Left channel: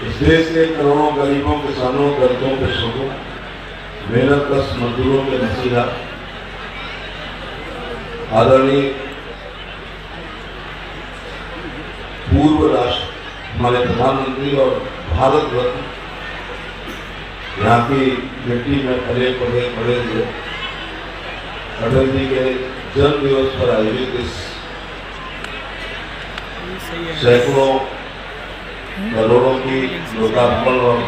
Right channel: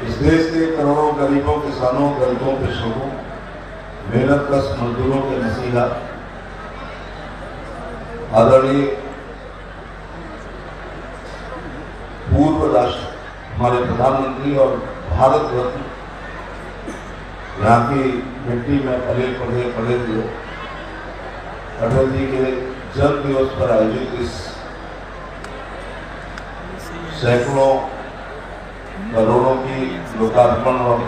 इस देश के करोड़ों गरीबों, किसानों, दलितों, कृषकों, मेहनत कश मजदूरों के मसीहा आदरणीय पूर्व राष्ट्र हमारे प्रधानमंत्री और भारत रत्न यहाँ की मिट्टी में पले पड़े पड़े हुए अटल जी के जन्म दिवस पर आयोजित इस सैकड़ों करोड़ों की लोकार्पण और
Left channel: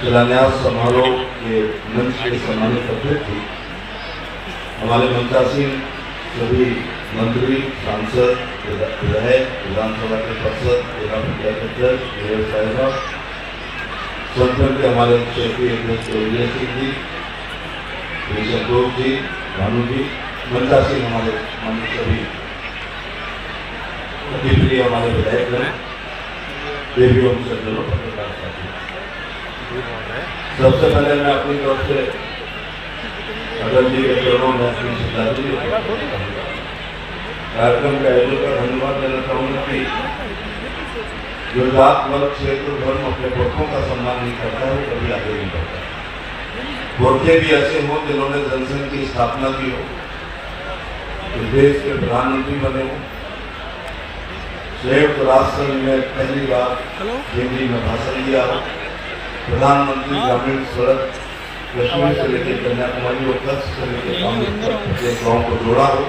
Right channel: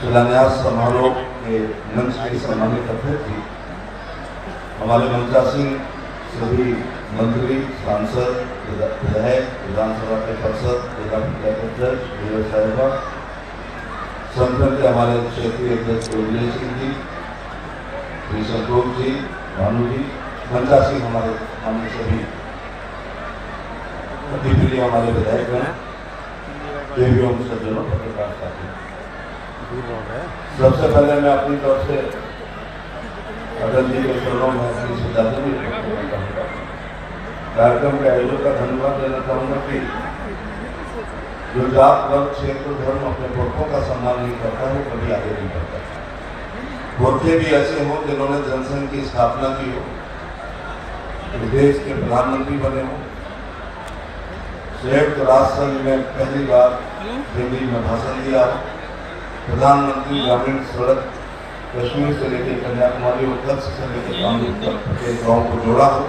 शिलान्यास समारोह के मंच के सम्मानित अतिथि हमारे मंचासीन सभी मंत्री, सांसद, विधायक, विधानसभा के पार्षद, संगठन के हमारे क्षेत्रीय अध्यक्ष विजय सिंह जी, संतोष जी, रानू जी, मंचासीन हमारे सभी प्रिय हमारे विधायक हैं, देवियों सज्जनों, सबसे पहले मैं अपनी तरफ से अटल जी के चरणों में अपनी श्रद्धांजलि कार्यक्रम का आयोजन का धन्यवाद देना चाहूँगा कि जो जात वर्ग क्षेत्र धर्म अपने पुरखों का सम्मान नहीं करता है कभी आगे नहीं बढ़ता। पुरखे भी ऐसे हों जिन्होंने जनसंघ की स्थापना की हो, इस देश के प्रधानमंत्री बने हो, संयुक्त राष्ट्र में पहली बार हिंदी में भाषण दिया, प्रधानमंत्री ग्रामीण सड़क कश्मीर से लेकर कन्याकुमारी और कच्छ से लेकर गाँव को जोड़ा हो।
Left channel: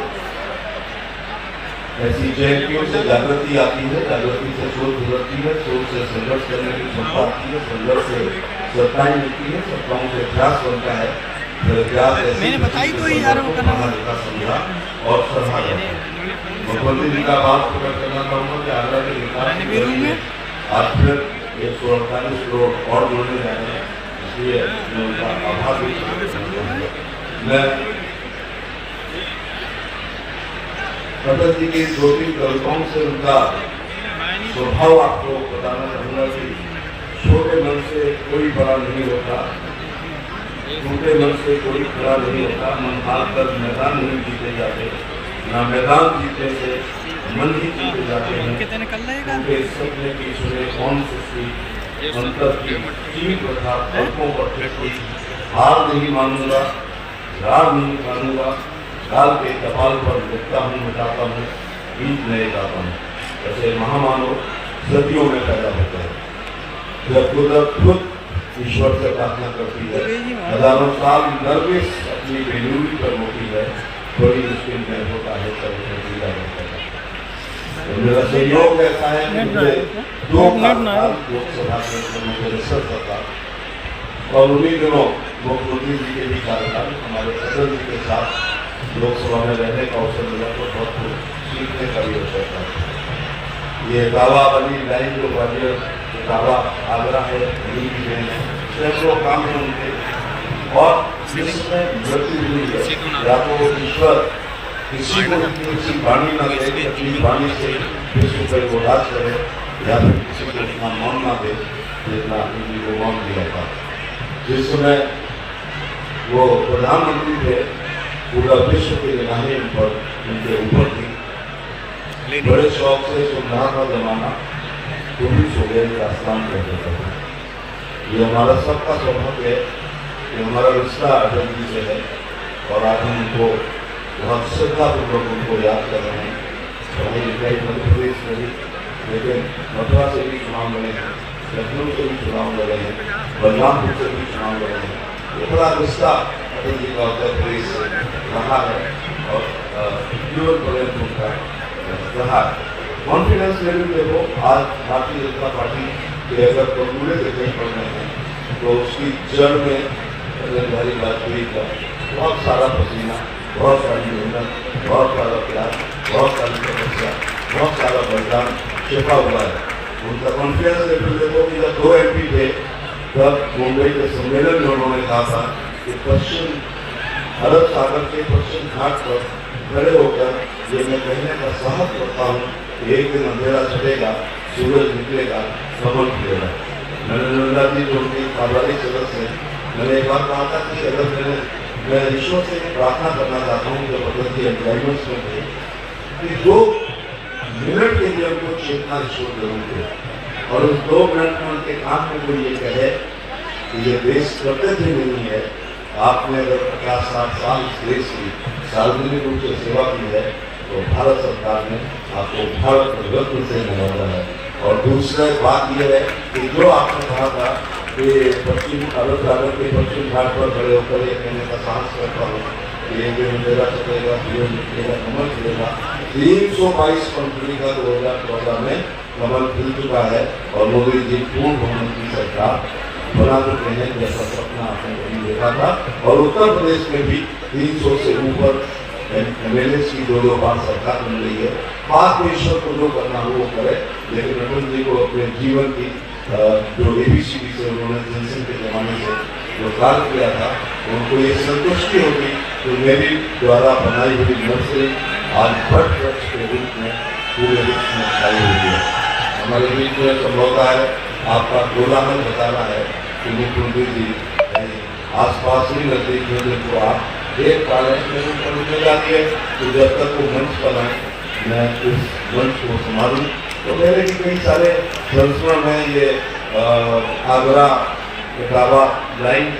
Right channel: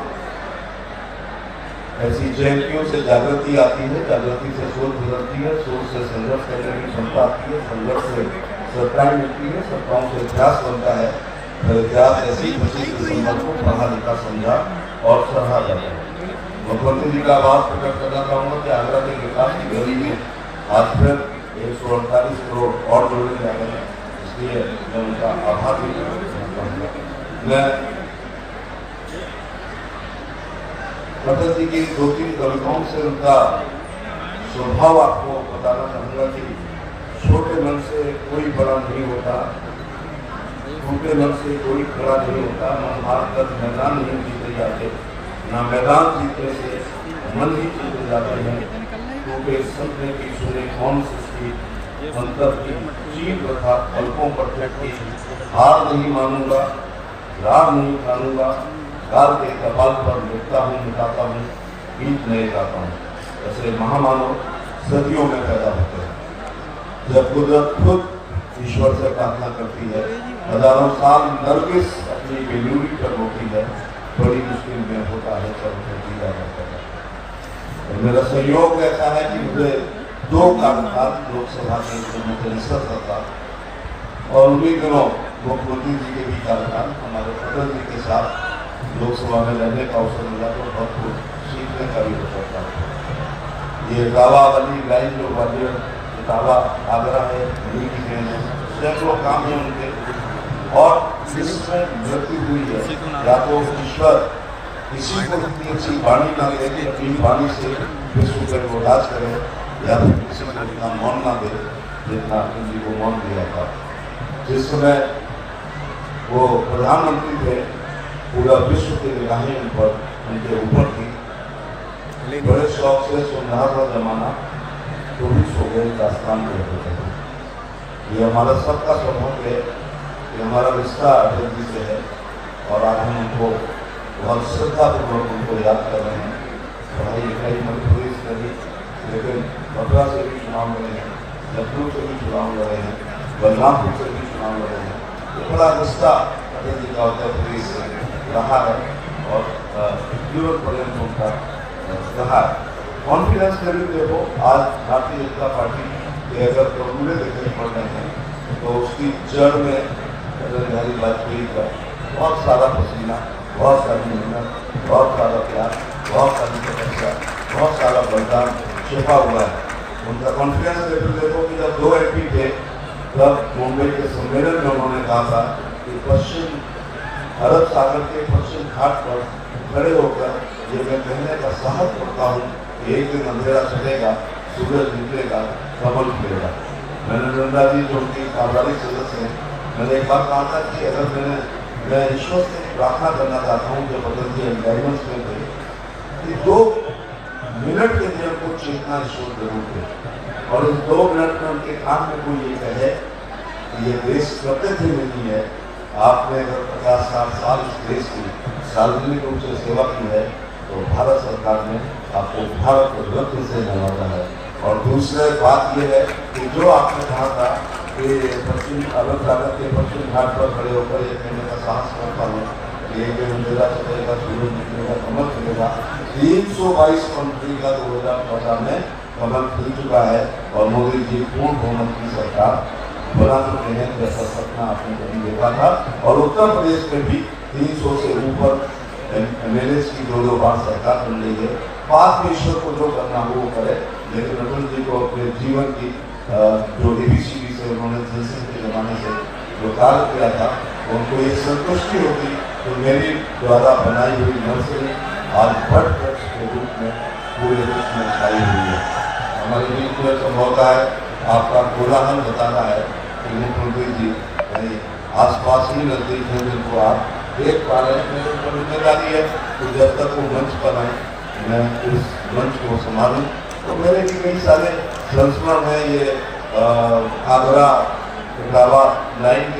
ऐसी जयंतियों से जागृति आती है, जागृति से सोच गुजरती है, सोच से संघर्ष करने की क्षमता आती है, संघर्ष से सत्ताएं मिलती है, सत्ताओं से प्रयास बनता है, प्रयास ऐसी पढ़ा लिखा समझा और सराहा करता है। मुख्यमंत्री जी का बात प्रकट करना चाहूँगा कि आगरा के विकास की गति में आज फिर 148 करोड़ और जोड़ने जा रहे हैं, इसलिए मैं उनका आभार भी अटल जी की 2-3 कविताओं से उनका स्वभाव आपको बताना चाहूँगा कि छोटे मन से कोई बड़ा नहीं होता, छोटे मन से कोई बड़ा नहीं होता, मन हाथ कर मैदान नहीं जीते जाते, ना मैदान जीते से मन ही जीते जाते हैं, क्योंकि सीखने की छुरे कौन सृष्टि मतलब की चीज तथा फलकों पर बैठी हार नहीं मानूंगा, हार नहीं मानूंगा, हार के कपाल पर लिखता हूँ, मिटाता हूँ, बीत नहीं जाता हूँ। ऐसे महामानव सदियों में पैदा होते हैं। जब कुदरत खुद ईश्वर से प्रार्थना करती है, हजारों साल नरगिस अपनी बेनूरी पर होती है, बड़ी मुश्किल में होता है सब होता है। मेरा सहयोग ऐसा है कि मुझे 2 लोकसभा में और उन्हीं दिनों मुख्यमंत्री जी के भी कार्यकाल हमारे अटल जी के साथ लोकसभा में रहने का अवसर मिला तो बहुत सीखने का भी अवसर था। ये दावा अभी लाइन जो वाले दावा आगरा है, सैकड़ों काम है उनके और जिसमें मृत्यु हुई है या तो ईश्वर किसी को किसी वाणी न देने अपनी वाणी से विश्व पर उदास करे या फिर किसी को इतना मौन न दे जितना उन्हीं को मौन दिया था। जिस समय वो प्रधानमंत्री थे, पूरा विश्व के निगाहें उन पर उनके ऊपर थी, बड़े शौक से सुनहरा का जमाना कभी सो गए का आस्थान करते थे। ये हमारा सबका सौभाग्य है कि हमारा रिश्ता अटल जी से है और आज हम उनको बहुत श्रद्धापूर्वक उनको याद कर रहे हैं। मध्य प्रदेश में भी, लेकिन मथुरा से भी चुनाव लड़े हैं, लखनऊ से भी चुनाव लड़े हैं, बलरामपुर से भी चुनाव लड़े हैं। ये बड़ा रिश्ता अटल जी का उत्तर प्रदेश रहा है और रहा कॉन्फिडेंस लेवल देखो आज भारतीय जनता पार्टी के अगर फॉर्मूले देखने पड़ रहे हैं तो उसकी जड़ में हमारी वाजपेयी का बहुत सारा पसीना, बहुत सारी मेहनत, बहुत सारा प्यार, बहुत सारी तपस्या, बहुत सारा बलिदान छिपा हुआ है। उनका कॉन्फिडेंस लेवल देखो कि जब 2 MP थे तब मुंबई के सम्मेलन में उन्होंने कहा था कि पश्चिम भारत सागर के पश्चिम घाट पर खड़े होकर ये मैं कहने का साहस करता हूँ कि एक दिन अंधेरा चलेगा, सूरज निकलेगा, कमल खिलेगा। मैंने नर्मदा जी जो उनकी पारिवारिक सदस्य हैं, मैंने एक बात कहा था कि अगर मैं ईश्वर से प्रार्थना करना चाहता हूँ जो भगवत जी एनवायरमेंट्स में थे कि 2 मिनट के लिए उनको चेतना ईश्वर जरूर थे। और उस 2 मिनट में उनके कान में कोई ये कहे कि ये देश कर्तव्य नहीं है, आपने अगर 50-60 साल इस देश की सार्वजनिक रूप से सेवा की है तो भारत सरकार ने आपको भारत रत्न से नवाजा है। और दूसरा बात यह है कि जो आपने कहा था कि पश्चिम भारत के पश्चिम घाट पर खड़े होकर एक कहने का साहस करता हूँ, ये जो मेरा चलेगा जीवन निकलेगा कमल खिलेगा। 322 कंपनी का 2014 में कमल खिल चुका है और मोदी जी पूर्ण बहुमत की सरकार बना चुके हैं, जैसा सपना आपने कभी देखा था। और उत्तर प्रदेश में भी 300 से ऊपर MLA की 2 बार सरकार बन रही है। बात में ईश्वर को जो करना वो करे, लेकिन अटल जी को अपने जीवन की जो ABCD से उन्होंने जनसंघ के जमाने से जो कार्य किया था, उनको ये संतुष्टि होगी तो मेरी द्वारा बनाई हुई नर्सरी आज बर्ड वृक्ष के रूप में पूरे देश में छाई हुई है। हमारे बीच में तो होता है, आपका कोलाहल बता रहा है कि मुख्यमंत्री जी कहीं आसपास ही नजदीक है जिनको आप एक जिम्मेदारी है कि जब तक वो मंच बनाए मैं उस मंच को संभालूं। तो पहले भी कई सारे संस्करण हैं, ये आगरा बटाला लाइन